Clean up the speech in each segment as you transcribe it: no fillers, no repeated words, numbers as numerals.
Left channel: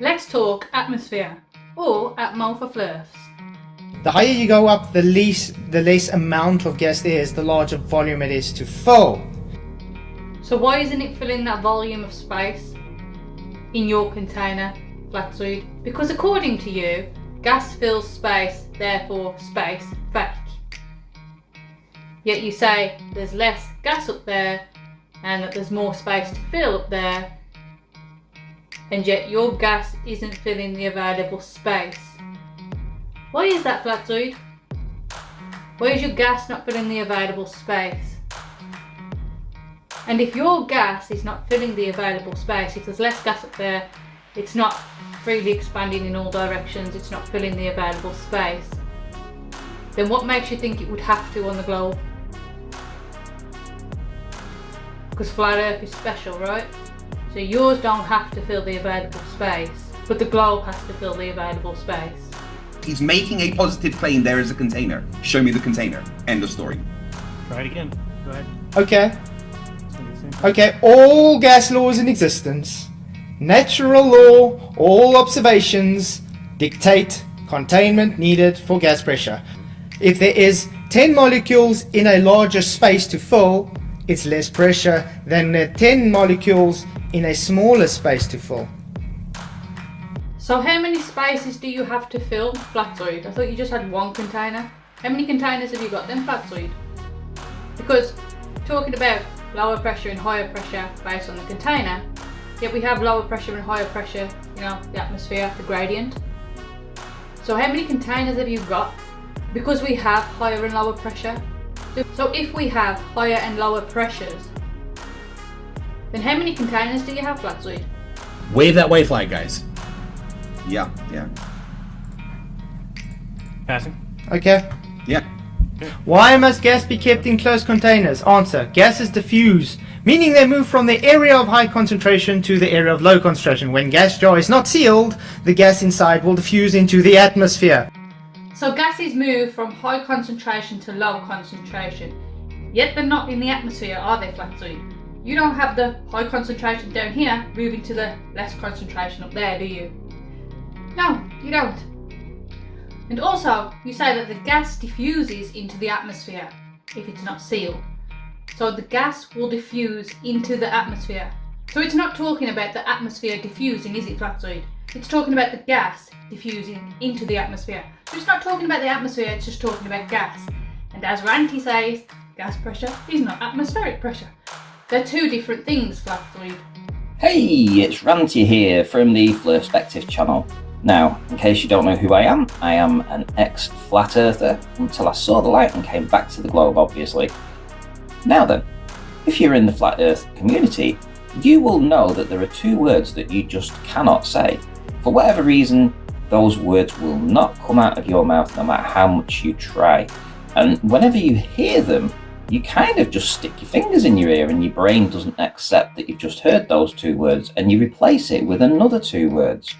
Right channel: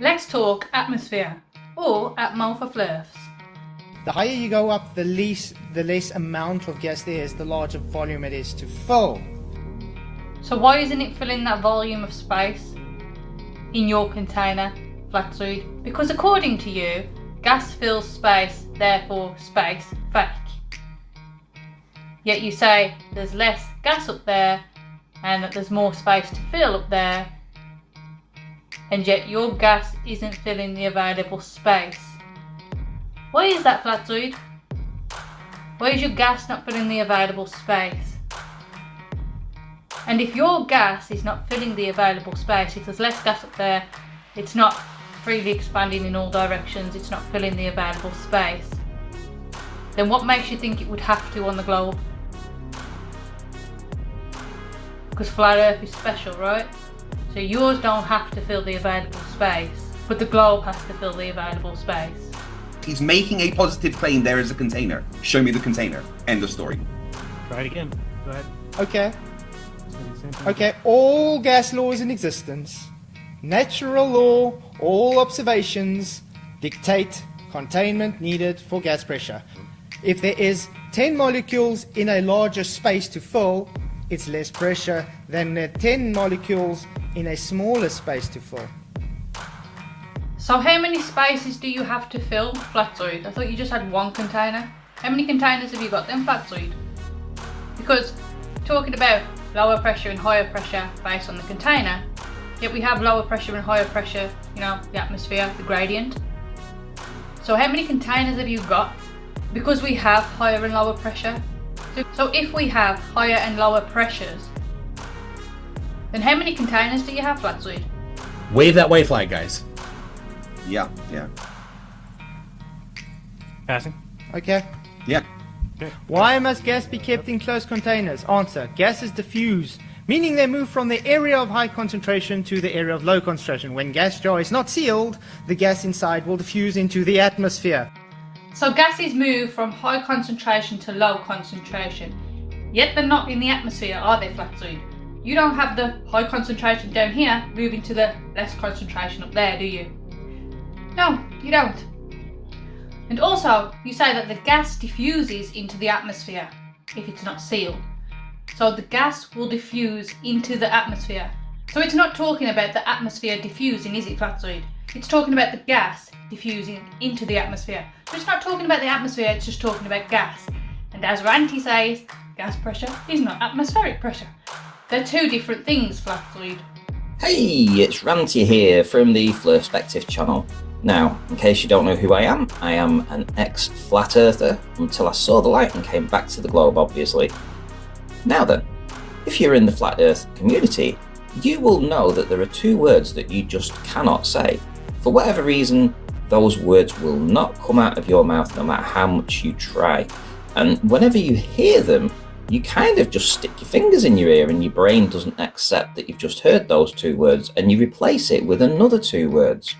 Let's talk atmosphere, or atmo for flirts. The higher you go up, the less amount of gas there is, the larger volume it is to fill. So why isn't it filling that volume of space in your container, Flatsuit? Because according to you, gas fills space, therefore space fake. Yet you say there's less gas up there and that there's more space to fill up there, and yet your gas isn't filling the available space. Why is that, Flatsuit? Why is your gas not filling the available space? And if your gas is not filling the available space, if there's less gas up there, it's not freely expanding in all directions, it's not filling the available space, then what makes you think it would have to on the globe? Because flat Earth is special, right? So yours don't have to fill the available space, but the globe has to fill the available space. He's making a positive claim there is a container. Show me the container. End of story. Try it again. Go ahead. Okay. It's gonna be the same thing. Okay, all gas laws in existence, natural law, all observations dictate containment needed for gas pressure. If there is 10 molecules in a larger space to fill, it's less pressure than the 10 molecules in a smaller space to fill. So how many spaces do you have to fill, Flatsuit? I thought you just had one container. How many containers have you got then, Flatsuit? Because talking about lower pressure and higher pressure based on the container, yet we have lower pressure and higher pressure, you know, the atmosphere, the gradient. So how many containers have you got? Because we have higher and lower pressure. So if we have higher and lower pressures, then how many containers do you have, Flatsuit? Wave that white flag, guys. Yeah. Passing. Okay. Yeah. Why must gas be kept in closed containers? Answer: gases diffuse, meaning they move from the area of high concentration to the area of low concentration. When gas jar is not sealed, the gas inside will diffuse into the atmosphere. So gases move from high concentration to low concentration, yet they're not in the atmosphere, are they, Flatsuit? You don't have the high concentration down here moving to the less concentration up there, do you? No, you don't. And also, you say that the gas diffuses into the atmosphere if it's not sealed. So the gas will diffuse into the atmosphere. So it's not talking about the atmosphere diffusing, is it, Flatsuit? It's talking about the gas diffusing into the atmosphere. So it's not talking about the atmosphere, it's just talking about gas. And as Ranty says, gas pressure is not atmospheric pressure. They're two different things, Flatsuit. Hey, it's Ranty here from the Flirspective channel. Now, in case you don't know who I am an ex-flat earther until I saw the light and came back to the globe, obviously. Now then, if you're in the flat earth community, you will know that there are two words that you just cannot say. For whatever reason, those words will not come out of your mouth no matter how much you try. And whenever you hear them, you kind of just stick your fingers in your ear and your brain doesn't accept that you've just heard those two words and you replace it with another two words.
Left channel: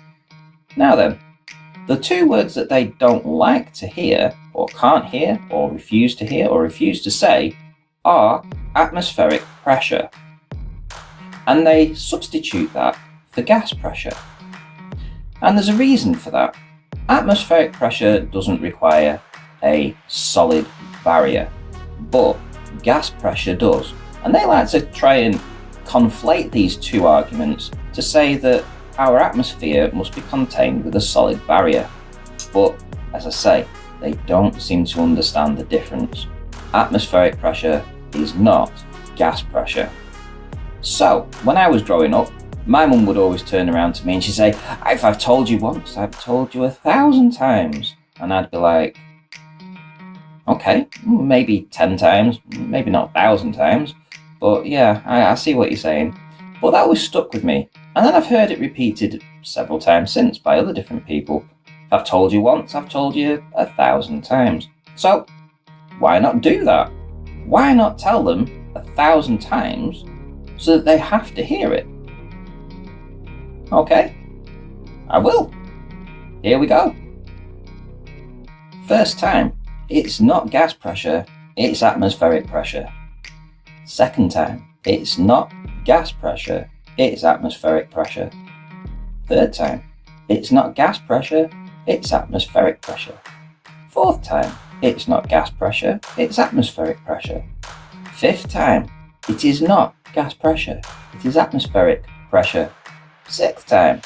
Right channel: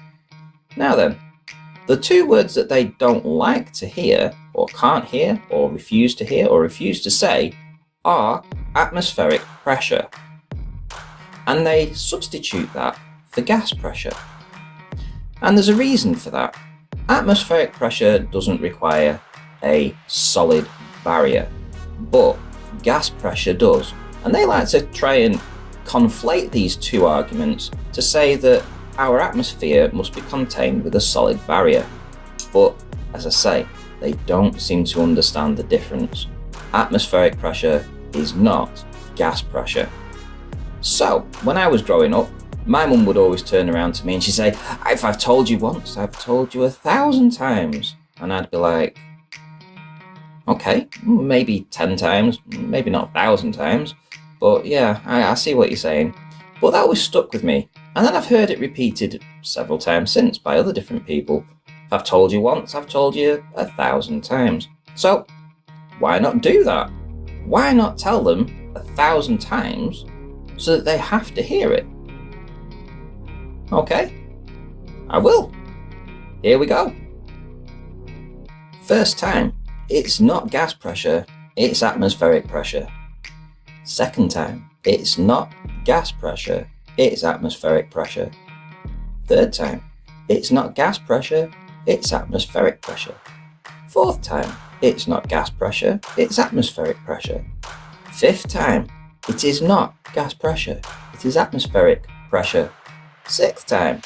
Now then, the two words that they don't like to hear, or can't hear, or refuse to hear, or refuse to say are atmospheric pressure. And they substitute that for gas pressure. And there's a reason for that. Atmospheric pressure doesn't require a solid barrier, but gas pressure does. And they like to try and conflate these two arguments to say that our atmosphere must be contained with a solid barrier. But as I say, they don't seem to understand the difference. Atmospheric pressure is not gas pressure. So when I was growing up, my mum would always turn around to me and she'd say, if I've told you once, I've told you 1,000 times. And I'd be like, okay, maybe 10 times, maybe not 1,000 times, but yeah, I see what you're saying. But that always stuck with me. And then I've heard it repeated several times since by other different people. If I've told you once, I've told you 1,000 times. So why not do that? Why not tell them 1,000 times so that they have to hear it? Okay, I will. Here we go. First time, it's not gas pressure, it's atmospheric pressure. Second time, it's not gas pressure, it's atmospheric pressure. Third time, it's not gas pressure, it's atmospheric pressure. Fourth time, it's not gas pressure, it's atmospheric pressure. Fifth time, it is not gas pressure, it is atmospheric pressure. Sixth time,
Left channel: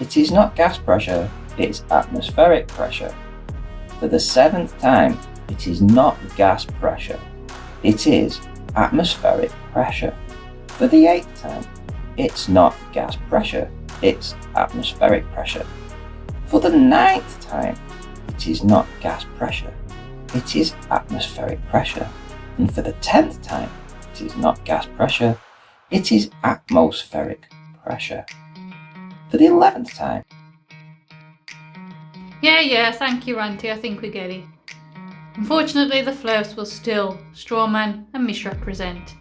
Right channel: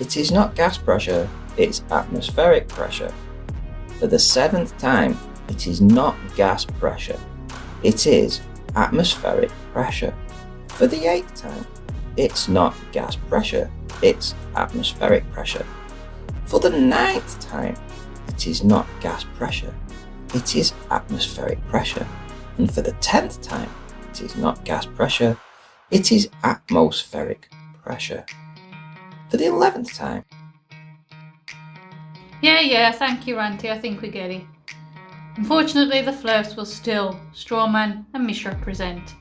it is not gas pressure, it's atmospheric pressure. For the seventh time, it is not gas pressure, it is atmospheric pressure. For the eighth time, it's not gas pressure, it's atmospheric pressure. For the ninth time, it is not gas pressure, it is atmospheric pressure. And for the 10th time, it is not gas pressure, it is atmospheric pressure. For the 11th time. Yeah, thank you, Ranty. I think we get it. Unfortunately, the flirts will still strawman and misrepresent.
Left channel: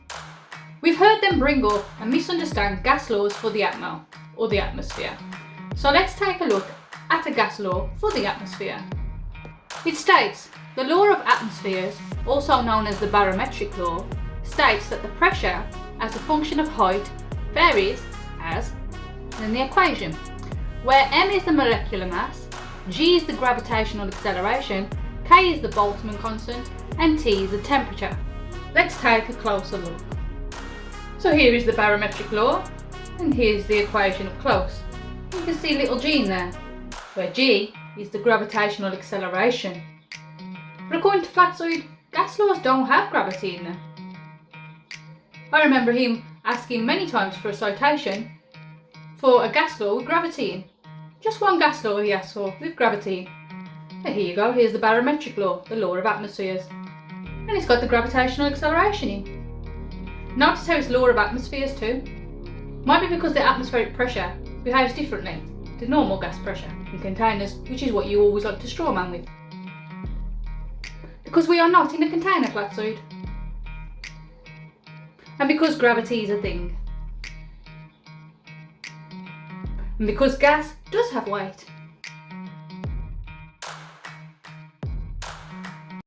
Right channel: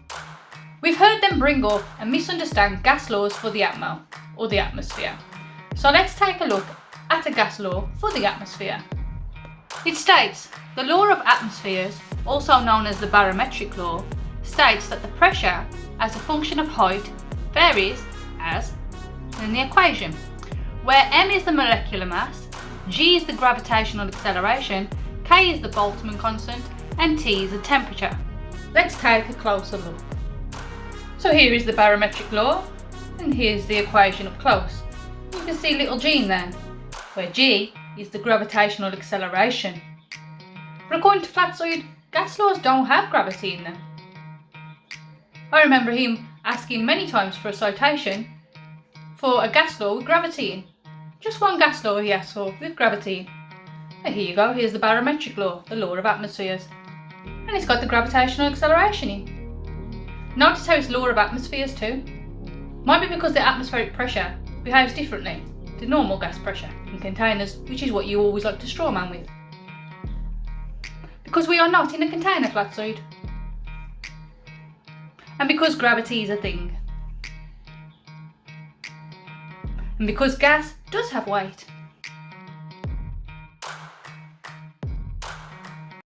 We've heard them bring up and misunderstand gas laws for the atmo, or the atmosphere. So let's take a look at a gas law for the atmosphere. It states, the law of atmospheres, also known as the barometric law, states that the pressure as a function of height varies as in the equation, where m is the molecular mass, g is the gravitational acceleration, k is the Boltzmann constant, and t is the temperature. Let's take a closer look. So here is the barometric law, and here's the equation up close. You can see little g in there, where g is the gravitational acceleration. But according to Flatzoid, gas laws don't have gravity in them. I remember him asking many times for a citation for a gas law with gravity in. Just one gas law he asked for with gravity in. And here you go, here's the barometric law, the law of atmospheres. And it's got the gravitational acceleration in. Notice how it's law of atmospheres too. Might be because the atmospheric pressure behaves differently to normal gas pressure in containers, which is what you always like to strawman with. Because we are not in a container, Flatzoid. And because gravity is a thing. And because gas does have weight.